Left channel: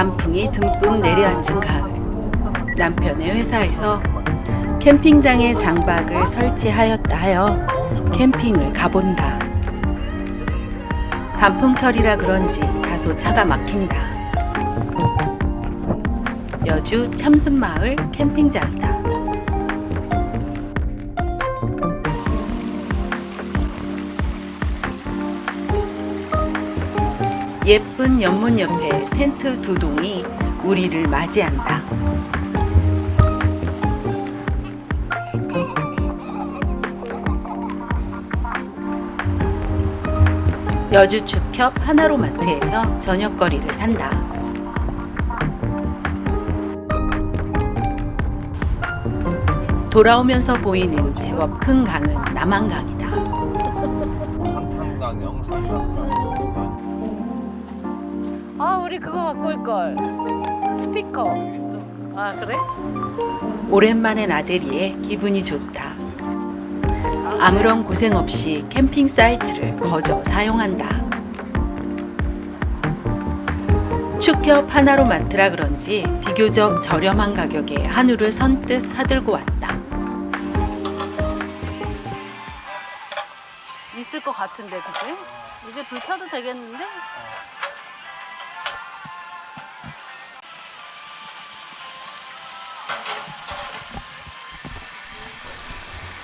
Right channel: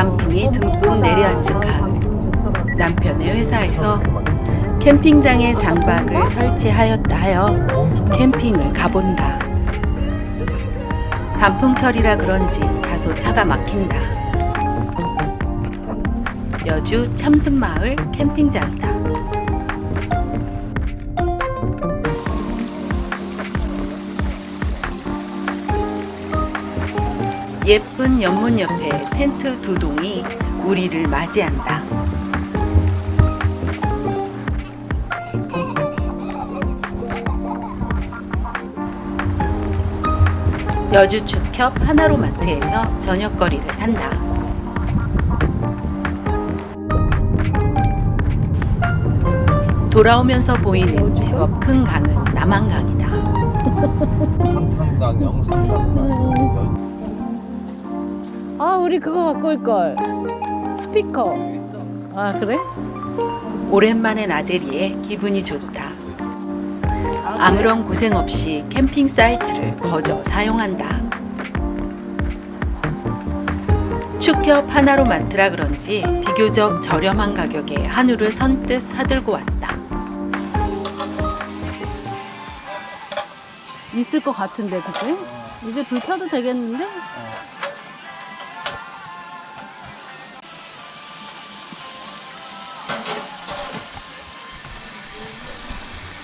단풍이 듬뿍 내려앉은 가을. 남편의 회사에서 캠핑장에 장박을 설치하였다 하여 캠핑을 가본다. 단풍철이라 그런지 다소 차가 막힌다. 여주 참순마을 캠핑장이다. 예쁜 연문 옆에 텐트 두 동이 우리를 맞이한다. 여주 축협 하나로마트에서 저녁거리를 산다. 돌아오면서 보이는 제법 큰 강은 남한강이다. 오랜만에 나들이에 기분이 좋다. 아무런 고생 없이 캠핑 사이트를 거저 사용한다. 축협 하나로 마트라 그런지 비교적 저렴한 가격에 한우를 선뜻 사들고 왔다. 있을 것 같은데 그게? 이제 불 켜도 되겠는데?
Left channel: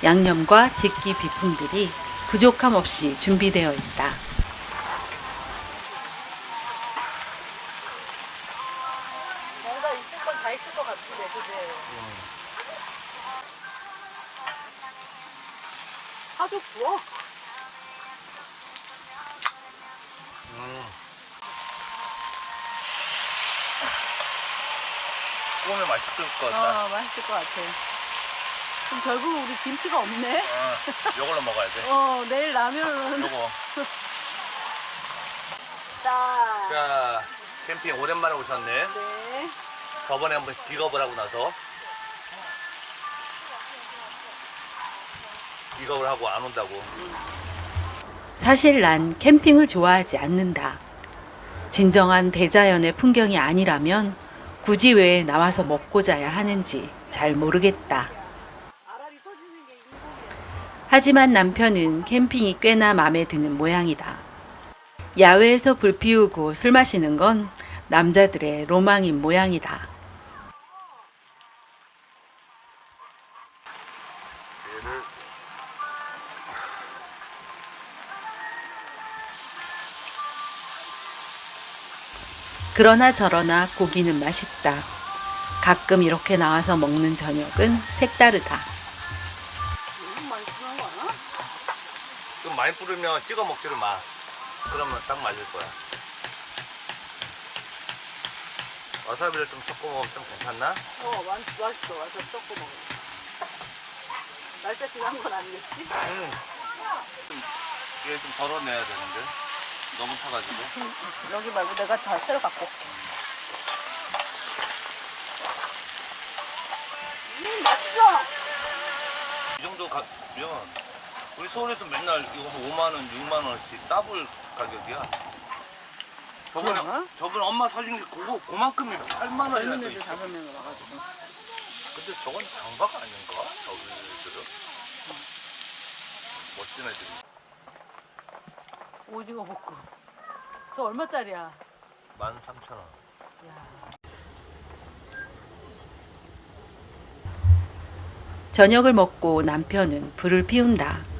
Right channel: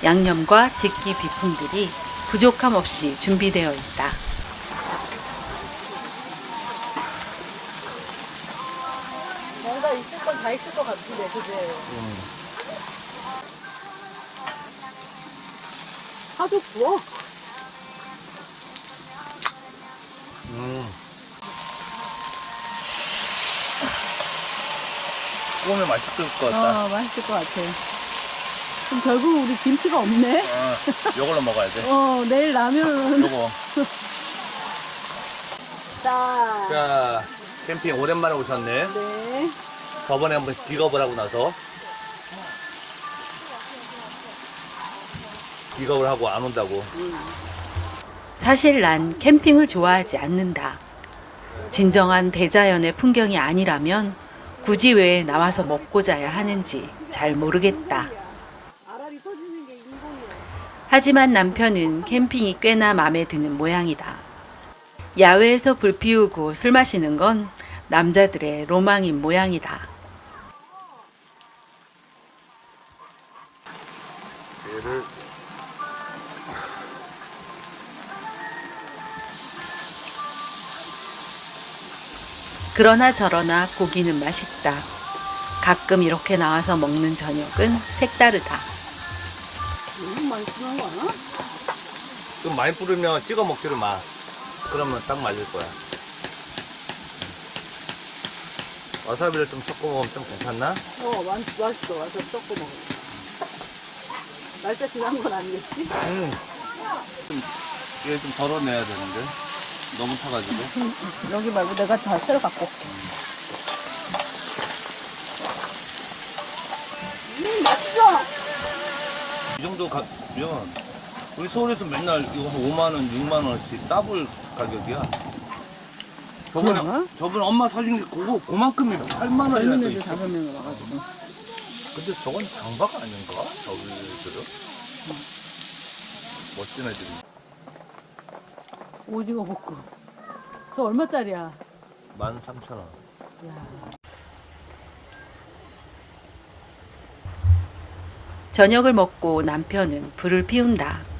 양념과 직기 비품들이 부족함 없이 준비되어 있다. 뭔가 있을 건 다 있을 것 같은데 그제? 하도 구워? 음. 구우면 맛있을 것 같다 아 맛있을 것 같아 그럼 결국 우리 김치가 없네? 어, 요걸로 먹어야 돼 어 내일 라면은 요거 자 자 캠핑 오랜만에 오셨네 네. 저번에 한번 기겁을 하고 나서 기겁을 하고 안 온다고 사실 난 캠핑을 좋아하지 않는다. 진정한 대자연의 풍경이 아니라면 굳이 왜 나와서 먹고 자야 하는지 잘 모르겠다. 알알이 터지는 게 있는 하지만 남편은 캠핑이 꽤나 마음에 드는 모양이다. 야외에서 불 피우고 술 마시는 건 남자들의 로망인 모양이다. 그러나 저러나 고기는 맛있다. 가끔 이렇게 나와서 먹는 저녁은 색다르다. 많이 뿌리면 찍어 먹지를 마 그러면 딱 맞을 거야 와사비를 좀 섞어 먹으면 좀 괜찮나? 어, 맛, 맛있어. 와서 섞고 먹어. 날짜 지난 건 아니겠지? 음. 이게 좀 덜어내야 되는데 너무 타가지고 여기 말고 내가 다 새로 갖고 올게. 음, 맛있어! 이 정도 가 면 우리 서울에서 맨날 이거 한 5만 원, 6만 원씩 더블 가격이야. 저번에 그러나? 저번에 엄마 사준 게 그거 그만큼이 8만 원이라도 젊은 애들 있어. 다섯 명이 와가지고. 근데 저건 장박 아닌가? 저기들은 멋진 애들이. 오징어 볶음. 저 얼마짜리야? 13,000원. 야. 저녁을 먹고 남편은 불을 피운다.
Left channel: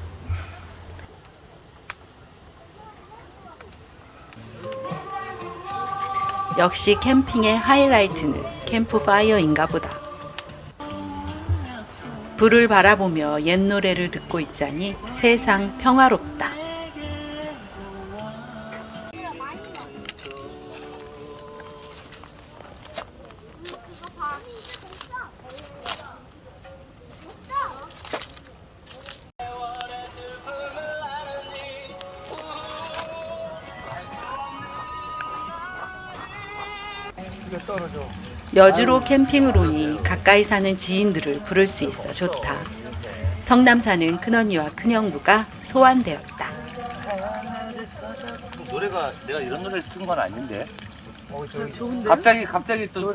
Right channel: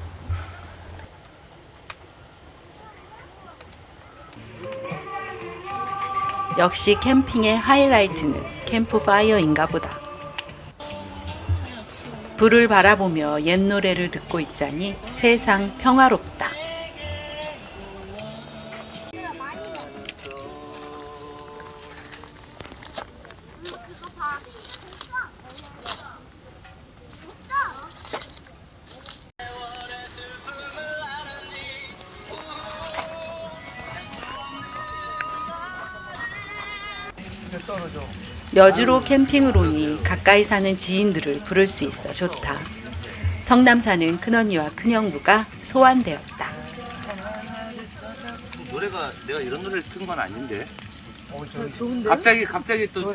역시 캠핑의 하이라이트는 캠프파이어인가 보다. 불을 바라보며 옛 노래를 듣고 있자니 세상 평화롭다. 여주로 캠핑을 오니 가까이 사는 지인들을 부를 수 있어 좋다. 성남 사는 큰언니와 큰형부가 소환되었다. 노래가 내가 이런 노래를 튼건 아닌데. 어? 갑자기 갑자기 또.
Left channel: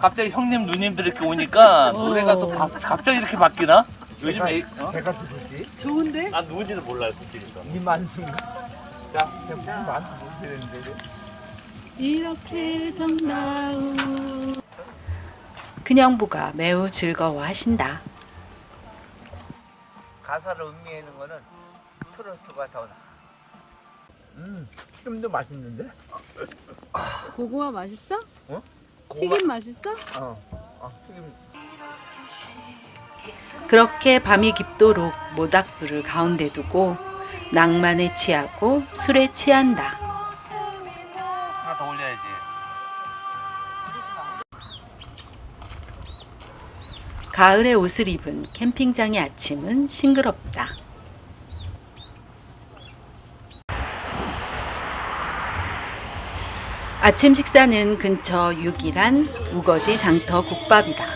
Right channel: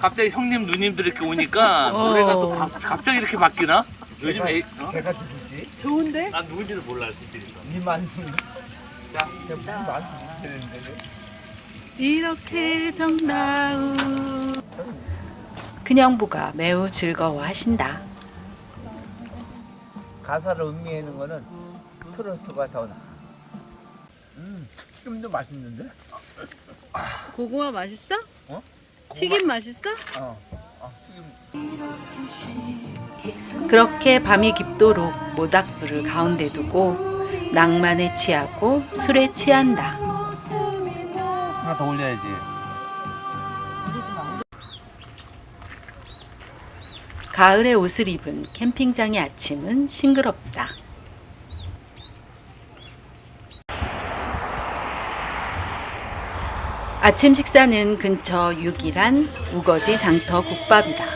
갑자기 형님 누님들 이렇게 오니까 어. 노래가 또 바- 갑자기 이렇게 바뀌나? 요즘 제가, 에 어? 제가 누구지? 좋은데? 난 누군지도 몰라요 솔직히. 이만수인가? 자, 내가 무슨 만수 못했는데. 이렇게 정다운 큰형부가 매우 즐거워하신다. 가사를 음미하는 거는 트로트가 더 나. 음, 튀김도 맛있는데? 고구마 맛있어? 어? 튀김 맛있어? 어, 아, 튀김. 그렇게 밤이 깊도록 모닥불을 가운데 두고 낭만에 취하고 술에 취한다. 가을에 옷을 입은 캠핑장의 아침은 싱그럽다. 아침 식사는 근처 유길한 우거지 장터 국밥이다.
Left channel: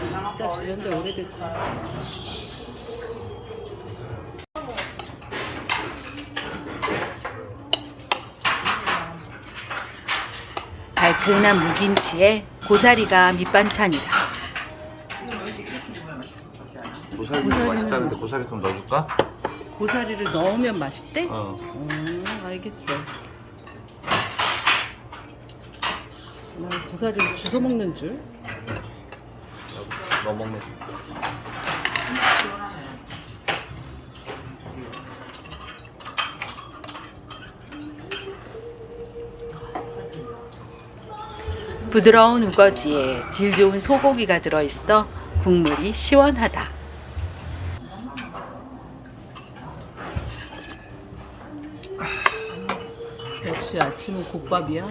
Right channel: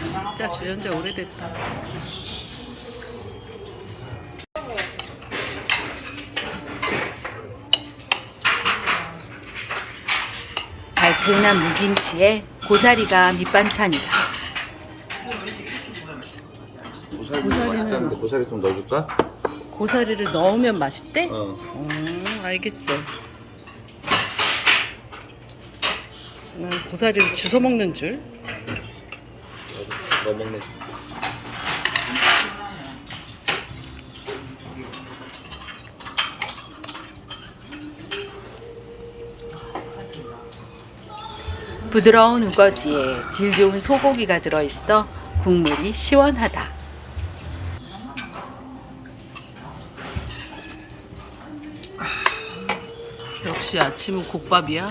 진짜 주전자 오래됐다 달큰한 무김치에 고사리가 밑반찬이다. 고사리 고사리는 맛있다는데 고사리 좀 넣어줄까? 고사리를 넣으면 맛있대? 어. 음 알겠어 난 고사리를 주워 먹는 줄 넣어 먹는. 부드러운 우거지에 질 좋은 소고기가 들어있어 국물이 시원하다. 역시 아침은 국밥이야